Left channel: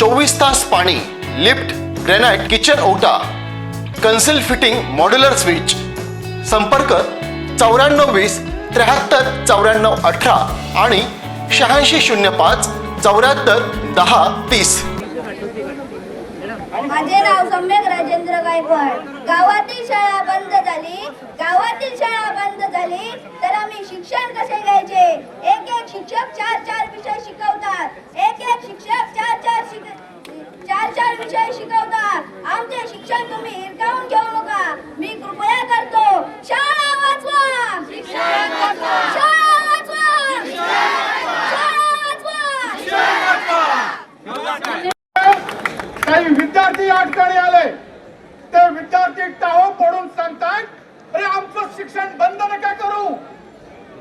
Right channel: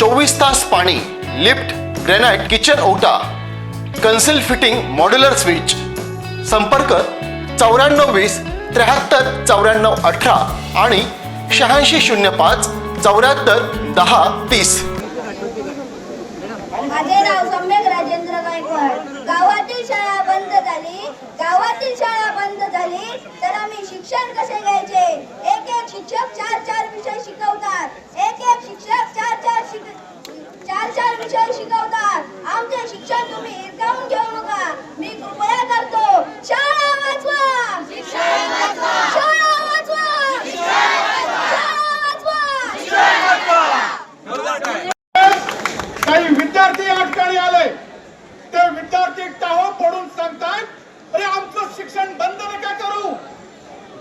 चोवीस तास पाणी लिफ्ट ग्रेनाइट किचन ओटा कन्सिल फिटिंग मॉड्युलर स्विच. संपर्क चौऱ्याण्णव वीस त्र्याहत्तर चौऱ्याण्णव अठरा आणि शहाऐंशी शून्य पाच चौऱ्याहत्तर दहा तीस. माझे नाव सम्यक राजेंद्र गायकवाड. गावातील शाळा बंद झाली. गावातील शाळा बंद झाली. तर आम्ही शिक्षण कसे घ्यायचे? एक एक शिक्षक चार चार विषय शिकवतात. एक एक शिक्षक चार चार विषय शिकवतात. आमचे शिक्षण तुम्ही हिरकावून घेऊ नका मी कृपया करतो शाळा वाचवा शाळा वाचवा शाळा वाचवा काही विद्यार्थी या ठिकाणी आले ते विद्यार्थी टाहो पडून सांगतायत अरे आमचं शिक्षण बंद नका करू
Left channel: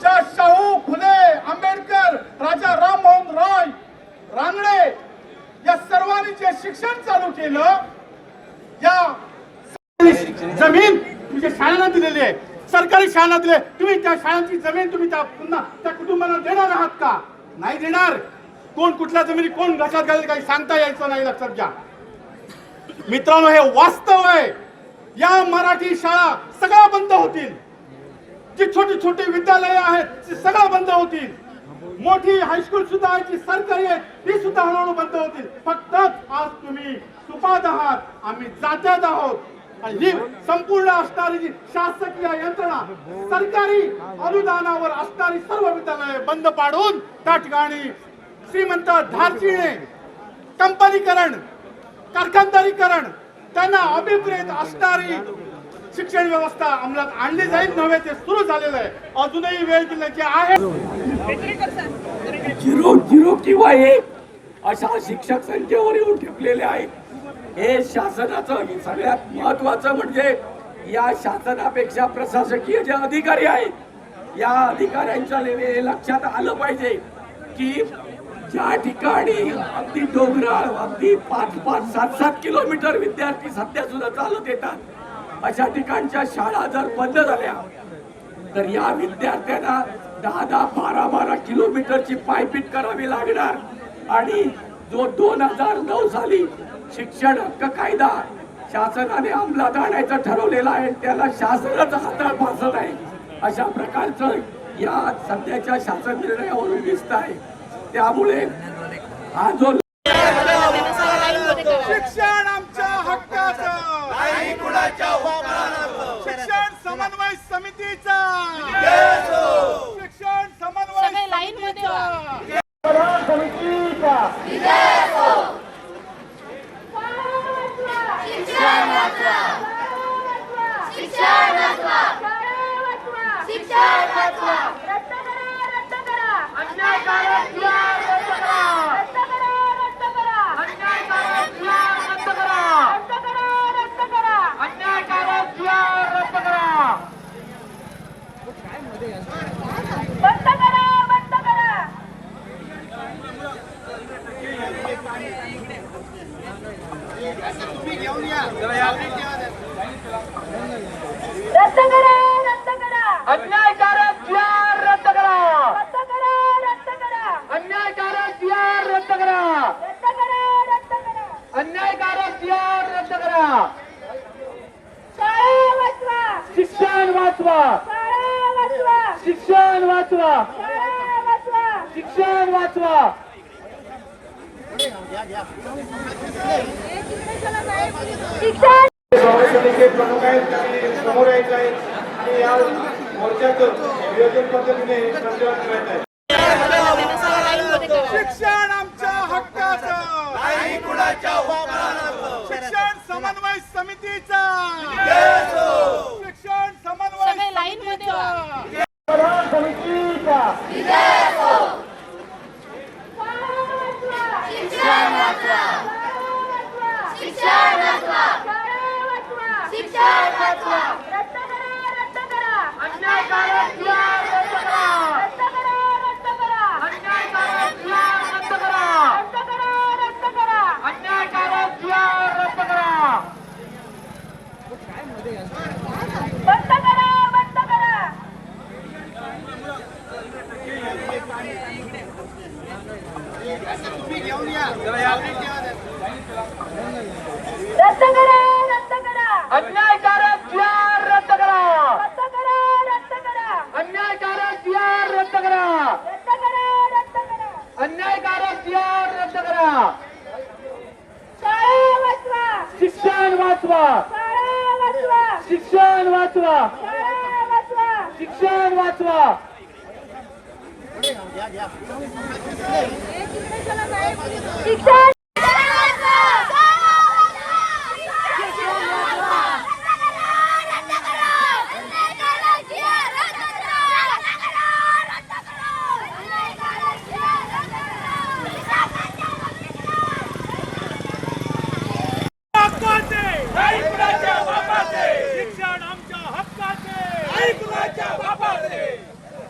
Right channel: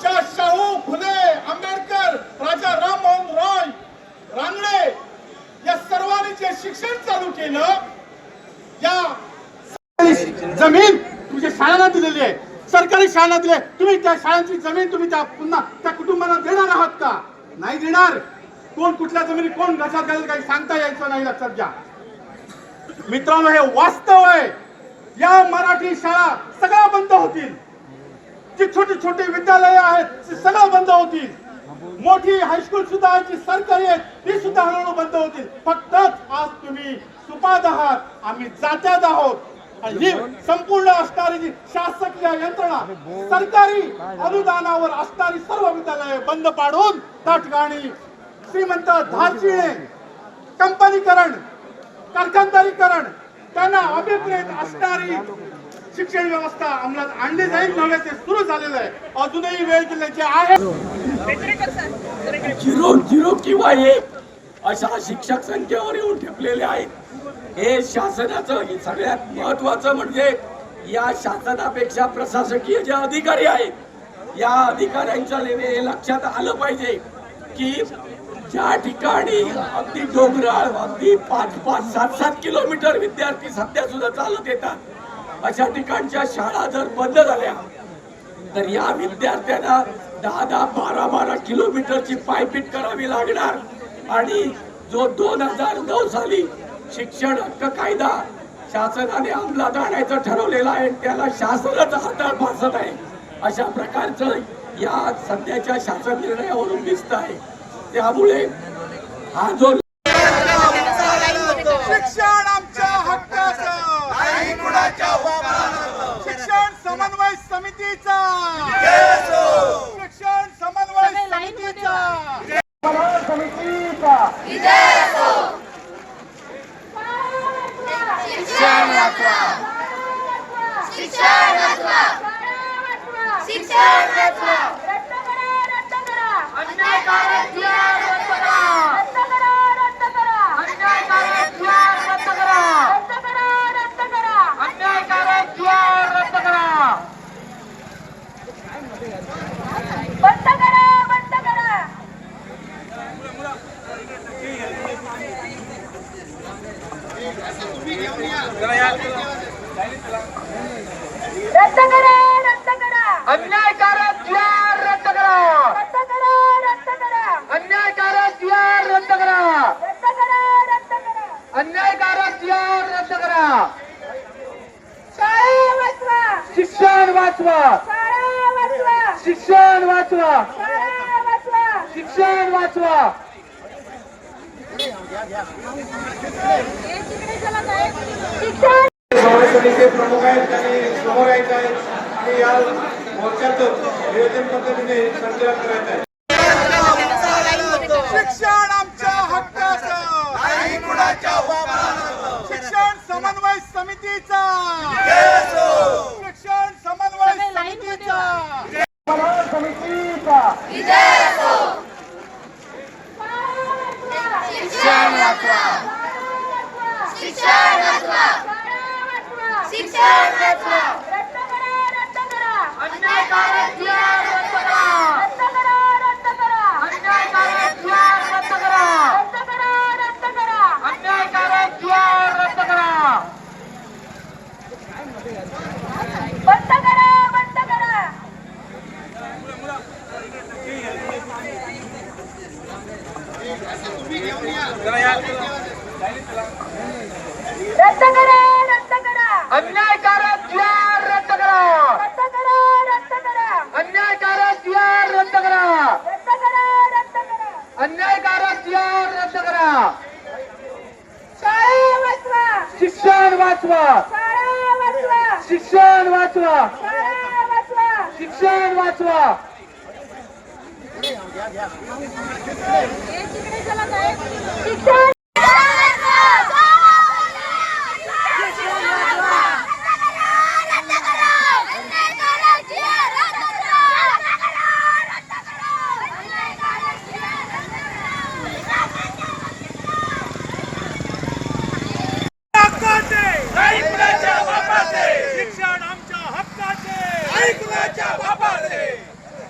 ज्या शाहू फुले आंबेडकर राजा राममोहन रॉय रानडे या सर्वांनी जे शिक्षण चालू केलं या जमीन तुमच्या शाळांना दिलेली आहे. सरकारी शाळांना दिले तुम्ही त्या शाळांची जमीन तुम्ही त्या पुन्हा त्या कुटुंबाला देणार आहात का? नाही देणार. कोण कुठल्या जमिनी कोण लक्षात घालेल काही सांगता यायचं नाही लक्षात घ्या. मित्रांनो हे वास्तव आहे. या मराठी शाळा सगळ्या बंद होतील. जी छोटी छोटी विद्यालय आहेत ती सगळ्या बंद होतील. मोठी हायस्कूल सुद्धा आहे जी सरकारी आहेत ती सुद्धा हळूहळू बंद होतील. फक्त आज तुम्ही सुपात आहात. आम्ही जात्यात आहोत. ही संपूर्ण असणारी जी शासकीय यंत्रणा सरकारी अनुदानावर असणारी सर्व विद्यालये बंद पाडून त्या ठिकाणी श्रीमंत धारशिणे कंपनीकरण कारखानदारीकरण त्यांना अभिप्रेत असणारी शिक्षण व्यवस्था अंमलात आणली जाईल. नव्हे ते सुरू झालेलं आहे. अजूनही वेळ दिल्याची आहे. झिरो झिरो किंवा एक अशा शिक्षक संख्येवर येऊन ठेपलेले आहेत. हे शासनाचं सगळ्यात महत्वाचं म्हणजे या शासनापेक्षा प्रशासकीय जे अधिकारी आहेत या अधिकाऱ्यांच्या ले- हे लक्षात आलं पाहिजे की ज्या ठिकाणी अगदी डोंगराळ अगदी पाच पाच सात सात किलोमीटर विद्यार्थी सध्या सुद्धा चालत येतात अशा ठिकाणच्या शाळा जर बंद झाल्या तर या विद्यार्थ्यांना दहा दहा बारा बारा किलोमीटरची पायपीट करावी लागणार आणि जो दोन हजार नऊ साली शिक्षण हक्क कायदा शासनाने अंमलात आणायचं ठरवलेला आहे. त्याला शासनच हाताळ फासत आहे. अशा प्रकारचं या सध्याच्या शासन निर्णयावरून दिसत आहे. त्यामुळे हा जो शिक्षण आमच्या हक्काचं. शिक्षण समन्वय समितीचा. शिक्षण समन्वय समितीचा. समितीचा शिक्षण शिक्षण अन्यायकारक द्वार रद्द करा रद्द करा रद्द करा अन्यायकारक द्वार रद्द करा रद्द करा रद्द करा अन्यायकारक द्वार रद्द करा बंद करा बंद करा रद्द करा रद्द करा अन्यायकारक द्वार रद्द करा रद्द करा रद्द करा अन्यायकारक द्वार रद्द करा रद्द करा रद्द करा अन्यायकारक द्वार रद्द करा शाळा वाचवा शिक्षण वाचवा शाळा वाचवा शिक्षण वाचवा शाळा वाचवा शिक्षण वाचवा समितीचे प्रमुख आहेत त्यांनी समोर यायचं आहे आणि या मोर्चाचं नियोजन पद्धतीने संचालन करायचं आहे. शिक्षण आमच्या हक्काचं. शिक्षण समन्वय समितीचा. शिक्षण समन्वय समितीचा. समितीचा Teacher! अन्यायकारक जी आर रद्द करा. रद्द करा रद्द करा. अन्यायकारक जी आर रद्द करा. रद्द करा रद्द करा. अन्यायकारक रद्द करा. शाळा वाचवा. शिक्षण वाचवा. शाळा वाचवा. शिक्षण वाचवा. शाळा वाचवा. शिक्षण वाचवा. शिक्षण हक्काचे ऐकण्याच्या बापाचे शिक्षण आमच्या हक्काचे ऐकण्याच्या बापाचे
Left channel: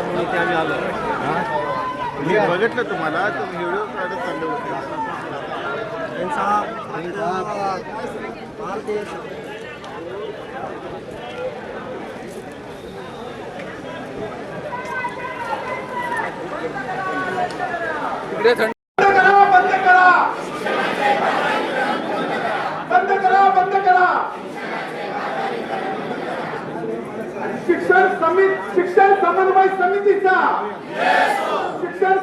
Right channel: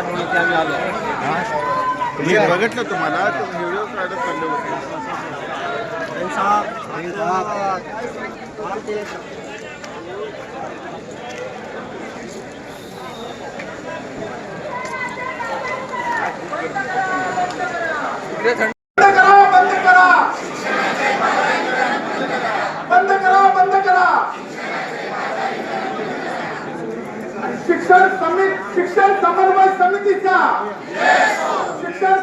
करा म्हणून हक्काचे दिसलं मी बघितलं तुम्हाला तुम्ही व्हिडिओ काढत चालले होते बंद करा बंद करा बंद करा शिक्षण समिती शिक्षण समन्वय समितीचा शिक्षण